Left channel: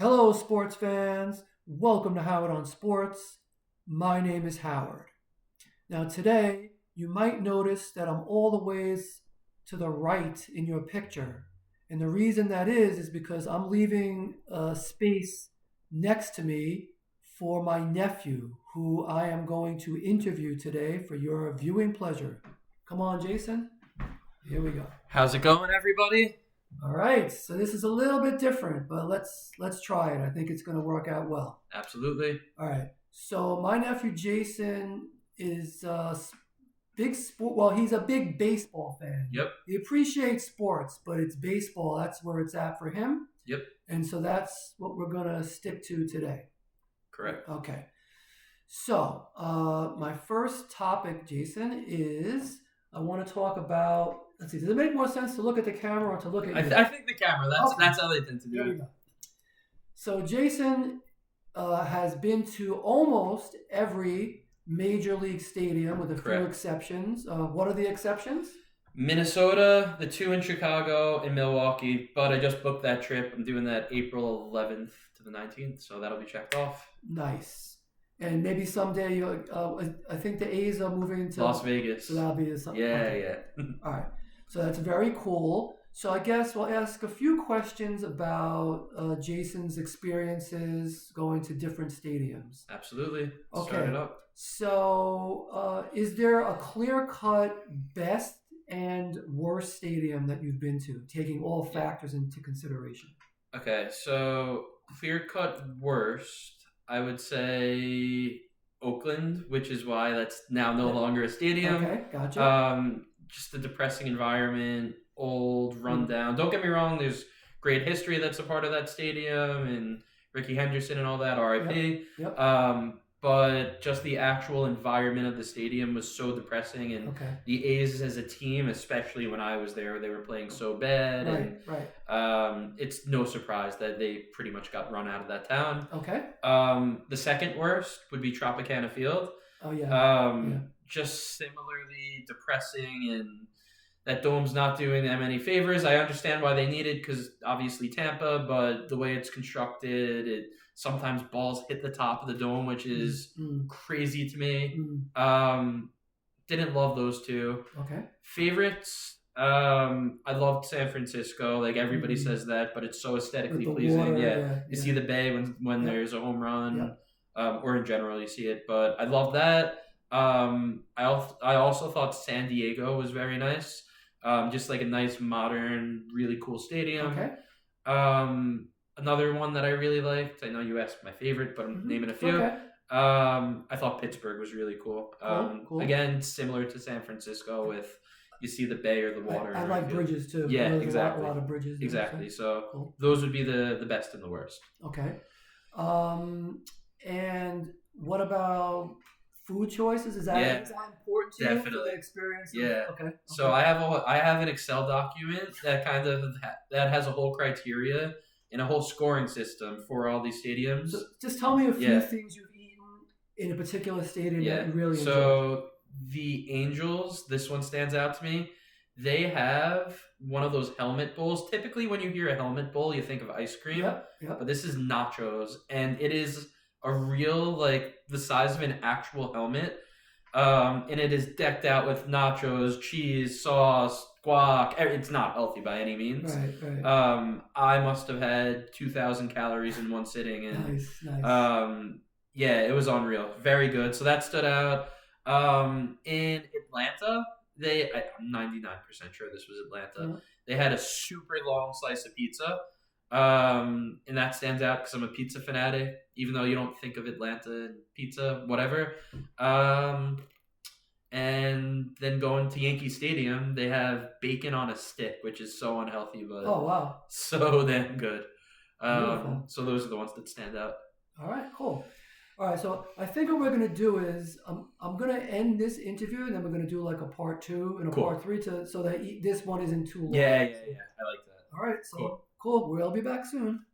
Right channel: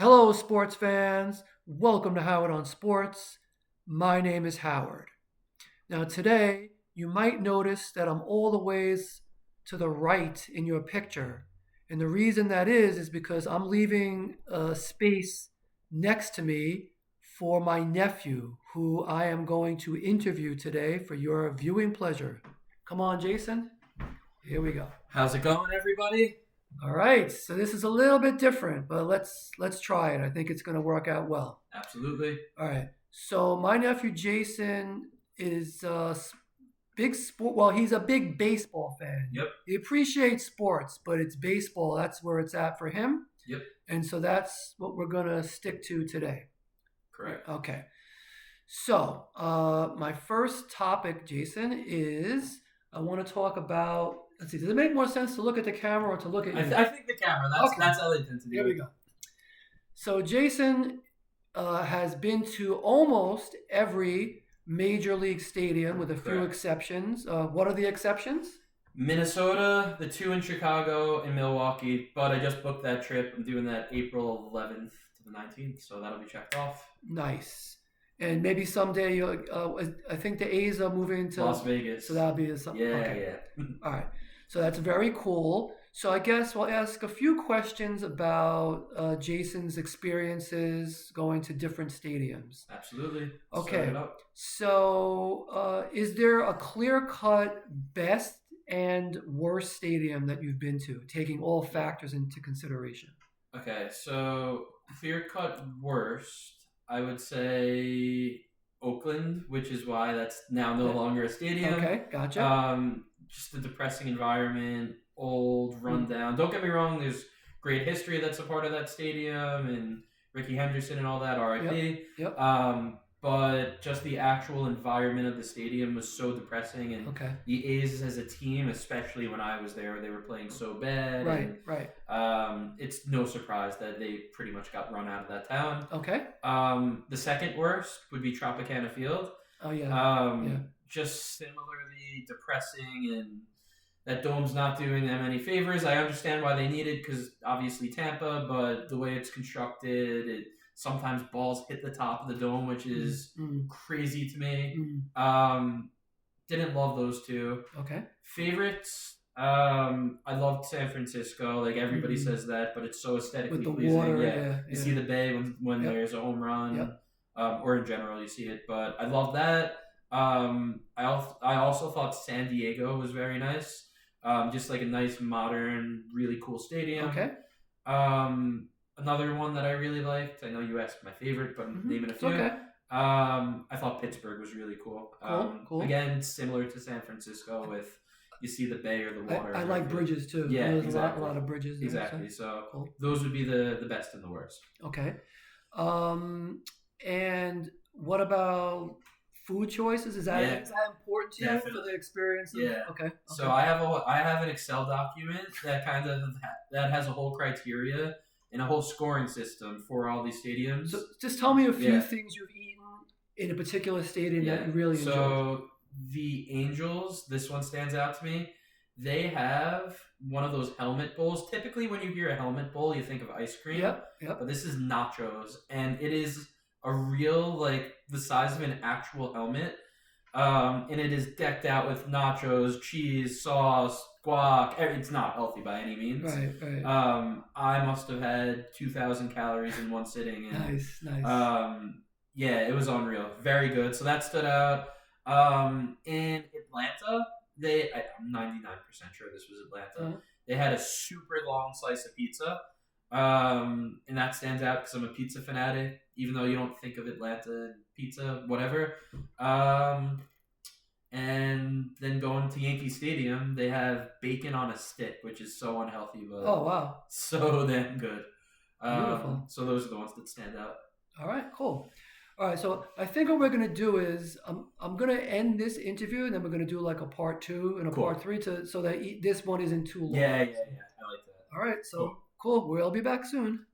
Hello, sports fans. Welcome to Howard on Sports. My name is Howard. Now, today, you might notice that I'm all the ways to the right in your picture. And the reason that is because I'm leaving a space next to me for my nephew, who I am going to interview today for your viewing pleasure. Come on, Jason. Here we go. How's it going, everybody? All right, so this is a little bit different, but let's try it. I think it's going to work out well. Absolutely. All right. So my nephew Jason is a big sport. Well, he's a big baseball fan. Yep. He appreciates sports, but it's baseball. That's where it's at for him. Yep. And so that's what we're going to stick to today. Correct. Okay. So my first topic, Jason, is I want to talk about. Let's see. Does it make more sense to look at the camera or to look at you? I think the camera. That's how they tend to do Here it. we go. So Jason has been to almost every major league stadium with a few exceptions. What are the exceptions? Minnesota, the 2 in Chicago, and Milwaukee. But I just booked that trip. I'm doing that April 11th to the 19th, so that'll be checked off. Nice. And maybe someday you. I think the A's are moving to Las Vegas. So that'll be something. Yeah, okay. yeah. All right. So that's very cool. So I guess we'll ask a few questions about Jason's experiences going to different stadiums. Absolutely. Okay. Start it up. So is there a clear-cut best and worst stadium that you've been to, taking all factors into consideration? Okay, so clear-cut worst, I would say Oakland, which is why that's now no longer a stadium. Okay, gotcha. Just the depressing environment, old, rundown. Don't get me wrong, there's great history that's a part of that stadium, and Ricky Henderson and all that, RIP. Yep. But just the actual environment of the stadium was so depressing, and the A's as a team, especially when I was there, they were playing so bad. Right. It's no surprise that they pretty much got run out of that town. Okay. The second worst would be Tropicana Field. Oh yeah. Just similarly depressing, and that dome's not doing them any favors. I understand why they need it because obviously Tampa, but the way it's constructed, sometimes balls hit the top of the dome, which is crazy to me. Didn't love those two. Okay. Favorites, I loved San Francisco. Like everybody says that, but it's so aesthetically pleasing. Water, you see the bay when there's a home run, or in general you see it. But I love that. I also thought San Diego was very nice. Just like a nice, modern, really cool stadium. Okay. Another one that I really liked. I know you asked my favorite, but I'm naming a few. Okay. I thought Pittsburgh was really cool. Cool. Again, similar to San Francisco, with you see the bay or the water. I like bridges too. Yeah, there's exactly. A lot of bridges. There, exactly. So cool. Those would be the best and the worst. Okay. And what about food choices? Is that important to you for the experience? Yeah. Okay. So I have an Excel document that that has a whole criteria and a whole scoring system for all these stadiums. So just tell me a few things you've eaten in a particular stadium that you really enjoy. So the Angels, this one stands out to me. They have one of those helmet bowls. Typically, when you hear a helmet bowl, you think of ice cream. Yep. But this is nachos, and it is a real, like, the size of an actual helmet. And it is decked out with nachos, cheese, sauce, guac. It's not healthy by any means. Right. I must have had 2,000 calories in one sitting. And, nice. It was unreal. Very good. So that stood out. In Atlanta, I'm 99% sure this was Atlanta. They had a super long slice of pizza. And that stands out because I'm a pizza fanatic, even though you don't think of Atlanta and pizza, whatever. And then going to Yankee Stadium, they have bacon on a stick, which is so unhealthy, but so damn good. So those are the ones that stand out. All right, cool. All right, so I think what we're going to do is I'm going to end this interview, and then we're going to do like a part 2 and a part 3 so that this one isn't too long. Yeah. I like that. All right, so cool. We'll be back soon.